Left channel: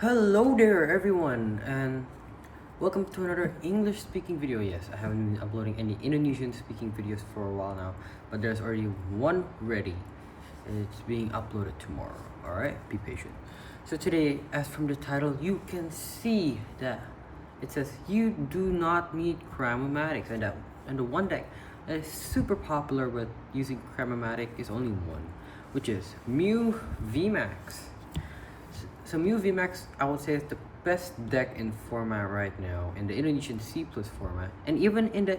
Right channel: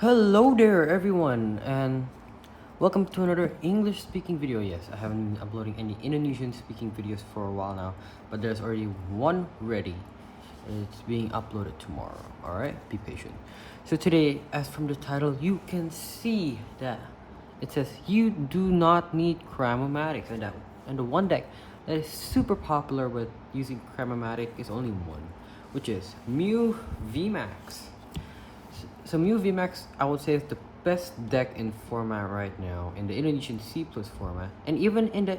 Hello there everyone and welcome to another English speaking video. Yes, I haven't been uploading any Indonesian speaking videos for a while now, but there's already one ready and it's being uploaded tomorrow. Alright, be patient. So today, as from the title, you can see that it says you do not need Cramomatic, and the one deck that is super popular with using Cramomatic is only one, which is Mew VMAX. So Mew VMAX, I would say, is the best deck in format right now in the Indonesian C+ format, and even in the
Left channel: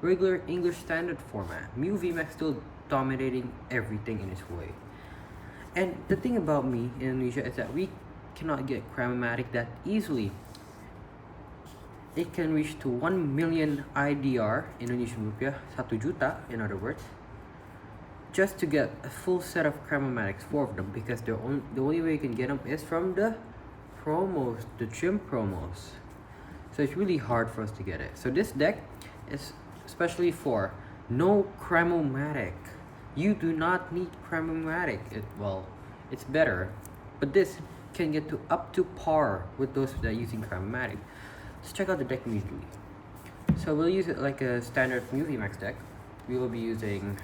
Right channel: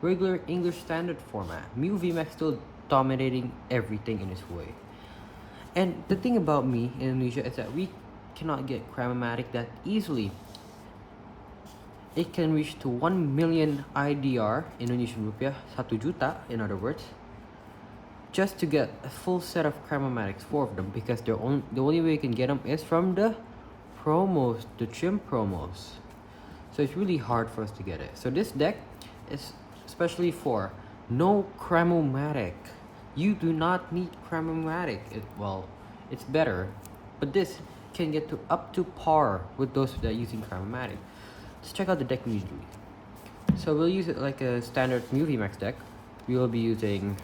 regular English standard format. Mew VMAX still dominating everything in its way. And the thing about me in Indonesia is that we cannot get Cramomatic that easily. It can reach to 1 million IDR, Indonesian rupiah, 1 juta in other words, just to get a full set of Cramomatics, 4 of them, because the only way you can get them is from the promos, the gym promos. So it's really hard for us to get it. So this deck is especially for no Cramomatic. You do not need Cramomatic. Well, it's better, but this can get to up to par with those that are using Cramomatic. Let's check out the deck immediately. So we'll use it like a standard Mew VMAX deck. We will be using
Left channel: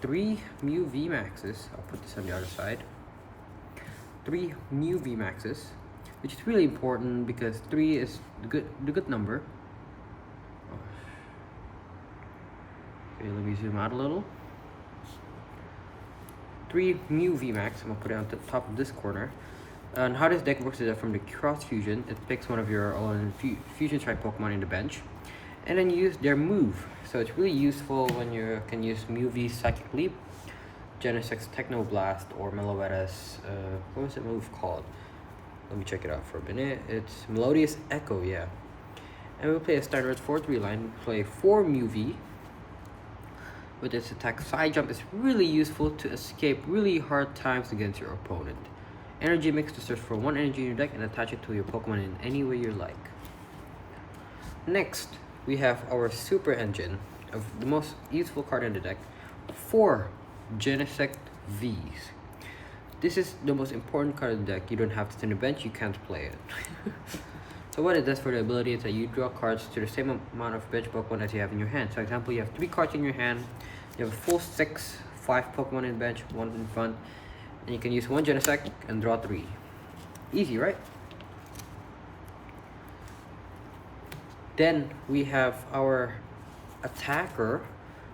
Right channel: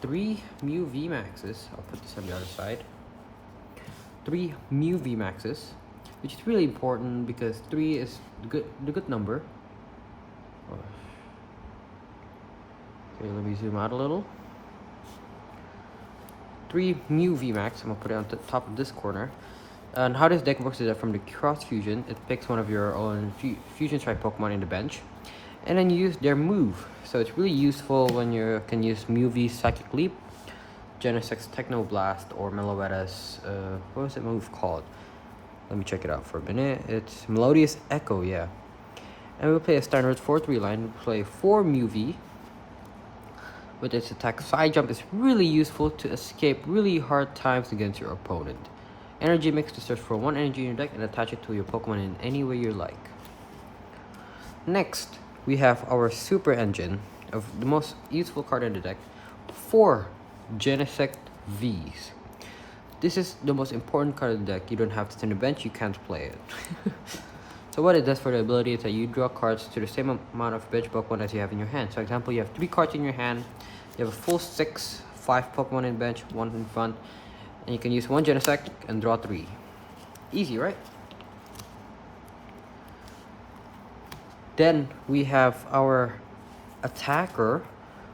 3 Mew VMAXs. I'll put this on the other side. 3 Mew VMAXs, which is really important because 3 is the good number. Okay, let me zoom out a little. 3 Mew VMAX. I'm gonna put it on the top of this corner. And how this deck works is that from the cross fusion, it picks one of your own fusion strike Pokemon in the bench, and then you use their move. So it's really useful when you can use Mew V Psychic Leap, Genesect Techno Blast, or Meloetta's what was the move called? Let me check it out for a minute. It's Melodious Echo, yeah. And we'll play a standard 4-3 line. We'll play 4 Mew V. With its attack side jump is really useful to escape really hard times against your opponent. Energy mix to search for 1 energy in your deck and attach it to your Pokemon in any way you like. Next, we have our super engine of the most useful card in the deck, 4 Genesect Vs. This is the most important card in the deck. You don't have to stand the bench, you can't play it. So what it does for the ability is that you draw cards to the same amount of bench Pokemon as you have in your hand. So for example, you have 3 cards in your hand, you have a full 6, 5 Pokemon in bench, 1 in front, and you can use 1 Genesect and draw 3. Easy, right? Then we have our attacker,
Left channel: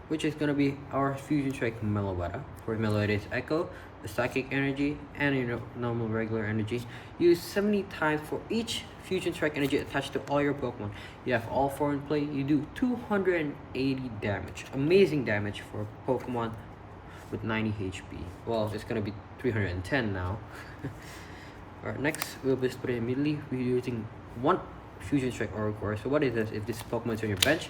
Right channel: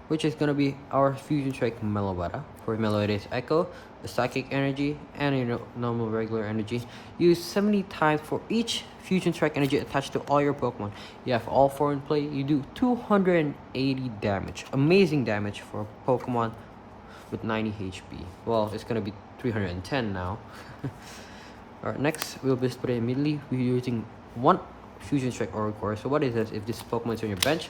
which is going to be our Fusion Strike Meloetta. For Meloetta's Echo, the Psychic Energy, and normal regular energy. Use 70 times for each Fusion Strike Energy attached to all your Pokemon. You have all 4 in play, you do 280 damage. Amazing damage for Pokemon with 90 HP. Well, it's going to be 310 now. Alright, next we'll just put it immediately. We're using 1 Fusion Strike Oricorio. So what is this? If this Pokemon is on your bench,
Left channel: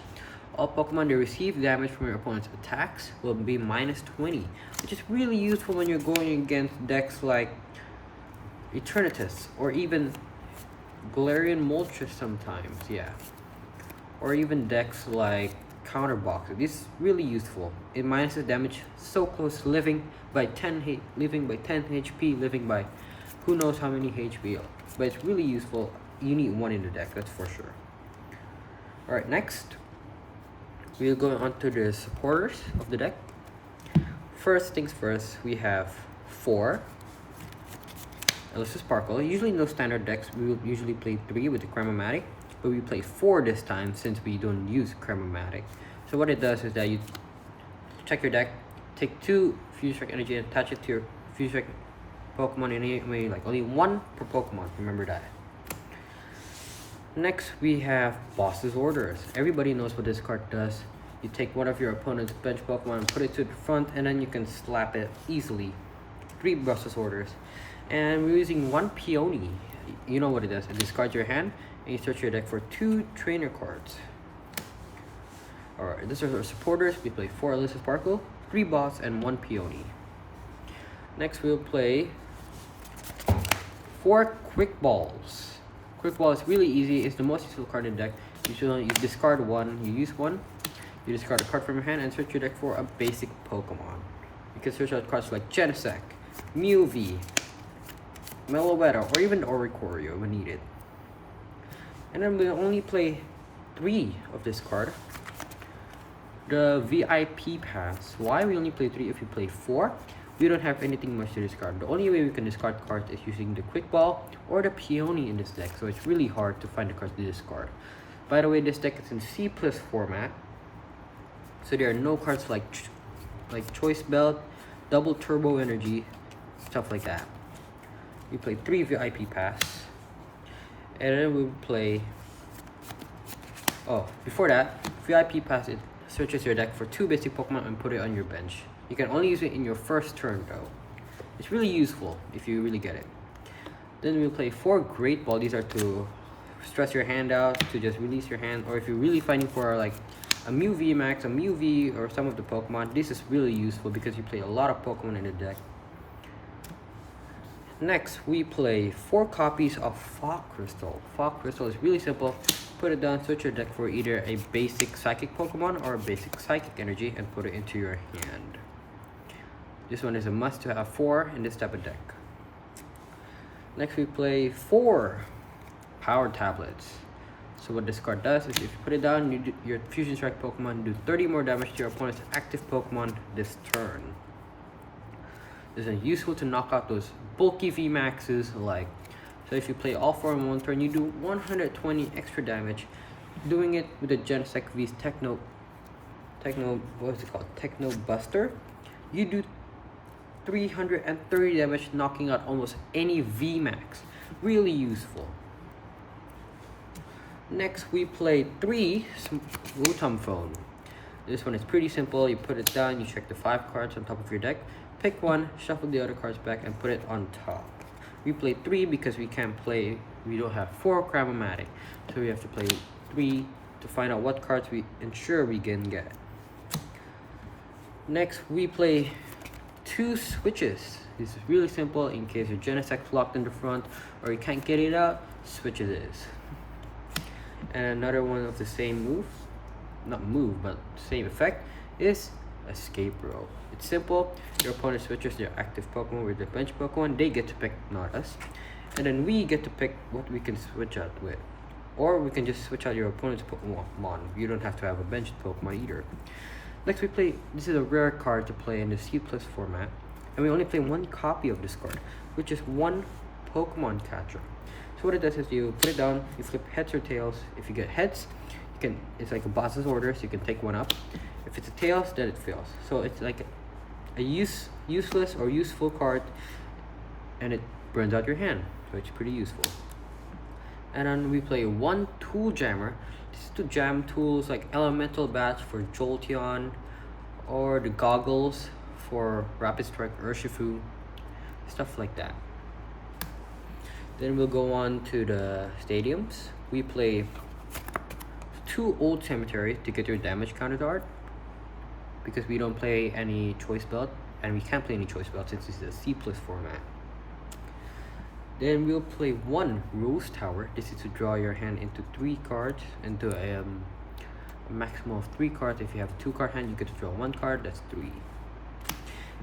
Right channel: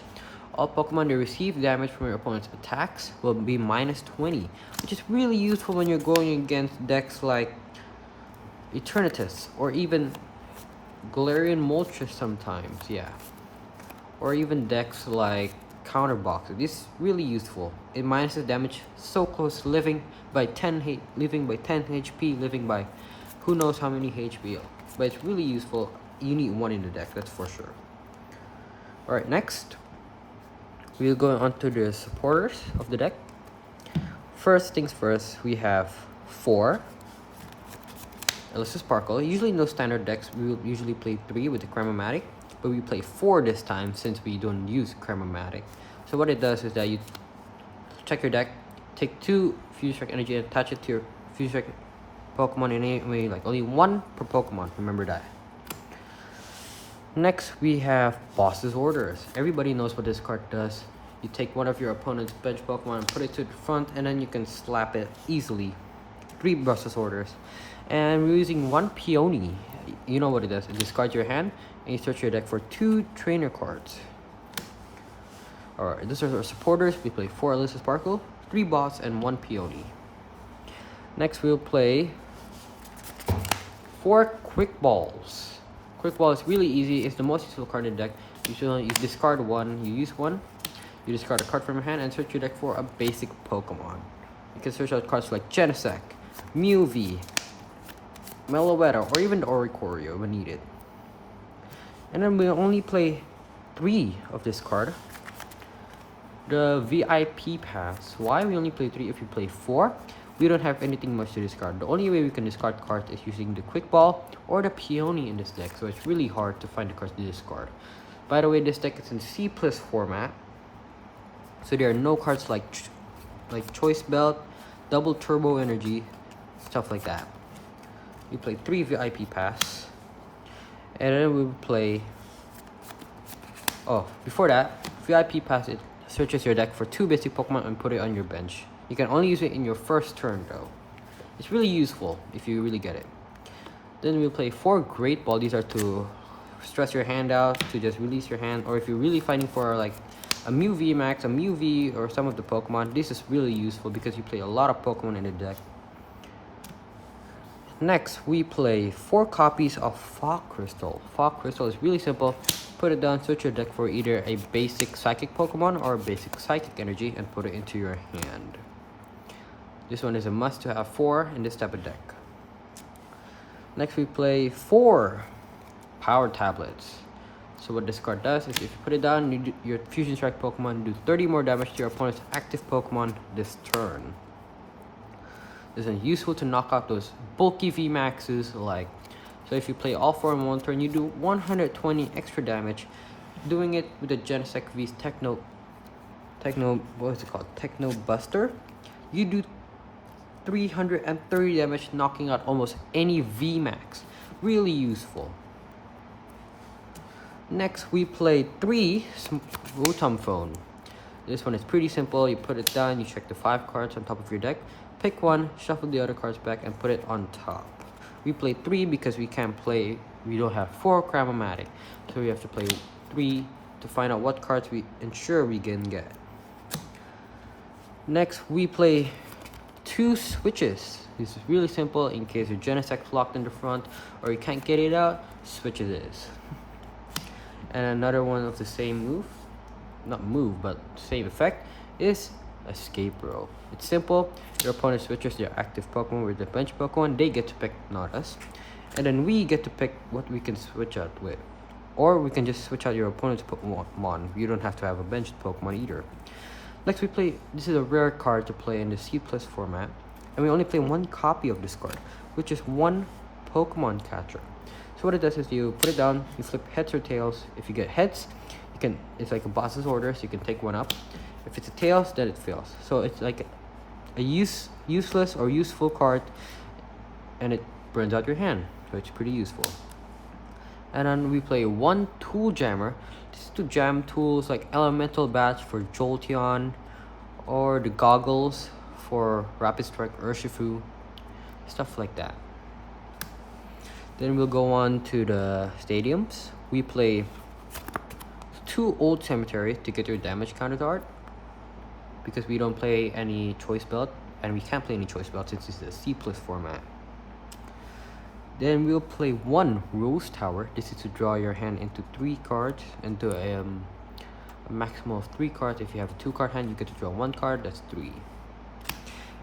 all Pokemon that receive damage from your opponent's attacks will be -20, which is really useful when you're going against decks like Eternatus or even Galarian Moltres sometimes, yeah. Or even decks like Counterbox. This is really useful. It minuses damage so close to living by 10 HP, living by who knows how many HP. But it's really useful. You need 1 in the deck, that's for sure. Alright, next we'll go on to the supporters of the deck. First things first, we have 4 Elesa Sparkle. Usually in those standard decks, we will usually play 3 with the Cramomatic, but we play 4 this time since we don't use Cramomatic. So what it does is that you check your deck, take 2 Fusion Strike Energy and attach it to your Fusion Strike Pokemon in any way, like only 1 per Pokemon, remember that. Next, we have Boss's Orders. Everybody knows what this card does. You take one of your opponent's bench Pokemon and put it to the front, and then you can slap it easily. 3 Boss's Orders. And we're using 1 Peony. You know what it does. You discard your hand, and you search your deck for 2 trainer cards. Alright, these are our supporters. We play 4 Elesa Sparkle, 3 Boss, and 1 Peony. Next, we'll play 4 Quick Balls. Quick Ball is really easy. It's the most useful card in the deck. You discard 1, you use 1, you discard a card from your hand and search your deck for a basic Pokemon. You can search out cards like Genesect, Mew V, Meloetta, or even the Oricorio when needed. And then we'll only play 3 of this card. The VIP Pass. Why we only play 3? If you play 4, we don't have anything much to discard. The only way we can discard cards is using the Quick Ball or the Peony in this deck, so it's really hard to find the cards to discard. By the way, this deck is in C+ format, so there are no cards like Choice Belt, Double Turbo Energy, stuff like that. We play 3 VIP Pass, and then we play. Oh, before that, VIP Pass, it searches your deck for 2 basic Pokemon and put it on your bench. You can only use it in your first turn though. It's really useful if you really get it. Then we'll play 4 Great Ball. These are to stress your hand out, to just release your hand, or if you're really fighting for like a Mew VMAX, a Mew V, or some of the Pokemon, this is really useful because you play a lot of Pokemon in the deck. Next, we play 4 copies of Fog Crystal. Fog Crystal is really simple. Put it down, switch your deck for either a basic Psychic Pokemon or a basic Psychic Energy and put it into your hand. This one is a must to have 4 in this type of deck. Next, we play 4 Power Tablets. So what this card does is if you put it down, your Fusion Strike Pokemon do 30 more damage to your opponent's active Pokemon this turn. This is useful to knock out those bulky VMAXs like. So if you play all 4 in one turn, you do 120 extra damage. Doing it with the Genesect V's Techno, what is it called? Techno Buster. You do 330 damage, knocking out almost any VMAX. Really useful. Next, we play 3 Rotom Phone. This one is pretty simple. You put it down, you check the 5 cards on top of your deck, pick one, shuffle the other cards back, and put it on top. We play 3 because we don't have 4 Cram-o-Matic. So we have to play 3 to find out what cards we ensure we can get. Next, we play 2 switches. This is really simple. In case your Genesect locked in the front or you can't get it out, switch it is. And another one of the same but same effect is Escape Row. It's simple. Your opponent switches their active Pokemon with the bench Pokemon. They get to pick, not us. And then we get to pick what we can switch out with. Or we can just switch out your opponent's Pokemon. You don't have to have a benched Pokemon either. Next, we play, this is a rare card to play in the C+ format. And we only play 1 copy of this card, which is 1 Pokemon Catcher. So what it does is you put it down, you flip heads or tails. If you get heads, it's like a boss's order, so you can take 1 up. If it's a tails, then it fails. So it's like a useless or useful card, and it burns out your hand, so it's pretty useful. And then we play 1 Tool Jammer. This is to jam tools like Elemental Batch for Jolteon, or the Goggles for Rapid Strike Urshifu, stuff like that. Then we'll go on to the stadiums. We play 2 Old Cemetery to get your damage counter art, because we don't play any Choice Belt, and we can't play any Choice Belt since it's a C+ format. Then we'll play 1 Rose Tower. This is to draw your hand into 3 cards, into a maximum of 3 cards. If you have a 2-card hand, you get to draw 1 card, that's 3.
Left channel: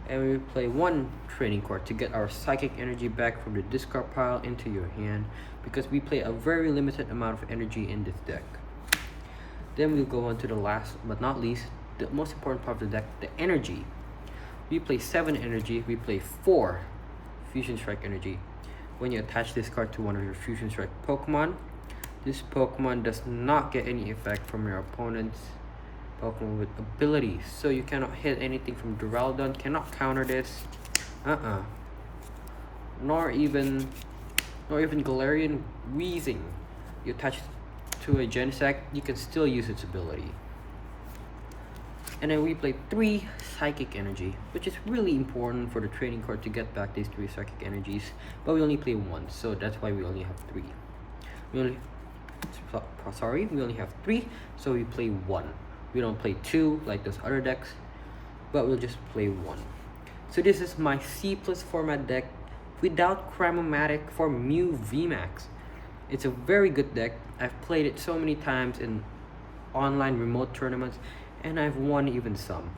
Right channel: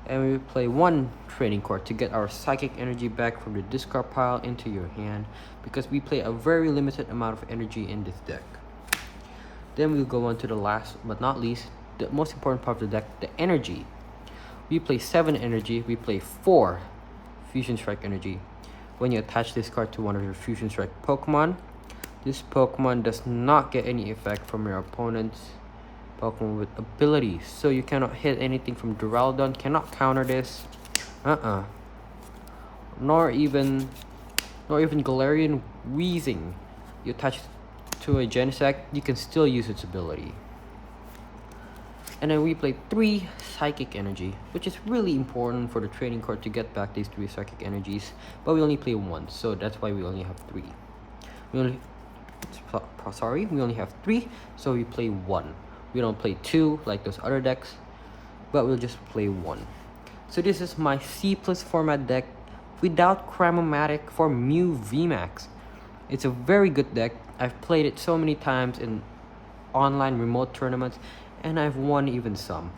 And we play 1 Training Card to get our Psychic Energy back from the discard pile into your hand, because we play a very limited amount of energy in this deck. Then we'll go on to the last but not least, the most important part of the deck, the energy. We play 7 energy. We play 4 Fusion Strike Energy. When you attach this card to one of your Fusion Strike Pokemon, this Pokemon does not get any effect from your opponent's Pokemon with abilities. So you cannot hit anything from Duraludon, cannot counter this. Nor even Galarian Weezing. You attach to a Genesect, you can still use its ability. And then we play 3 Psychic Energy, which is really important for the training card to get back these 3 Psychic Energies. But we only play 1, so that's why we only have 3. We only have 3, so we play 1. We don't play 2 like those other decks, but we'll just play 1. So this is my C+ format deck without Cramomatic for Mew VMAX. It's a very good deck. I've played it so many times in online remote tournaments, and I've won even some.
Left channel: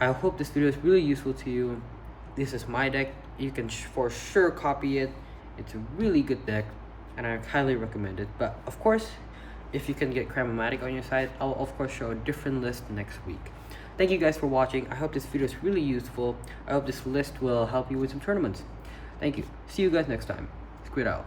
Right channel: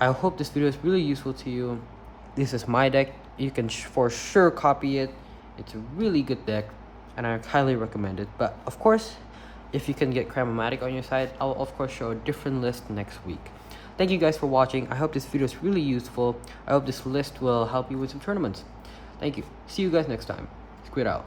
I hope this video is really useful to you. This is my deck. you can for sure copy it. It's a really good deck, and I highly recommend it. But of course, if you can get Cram-o-Matic on your side, I will of course show a different list next week. Thank you guys for watching. I hope this video is really useful. I hope this list will help you with some tournaments. Thank you. See you guys next time. Squid out.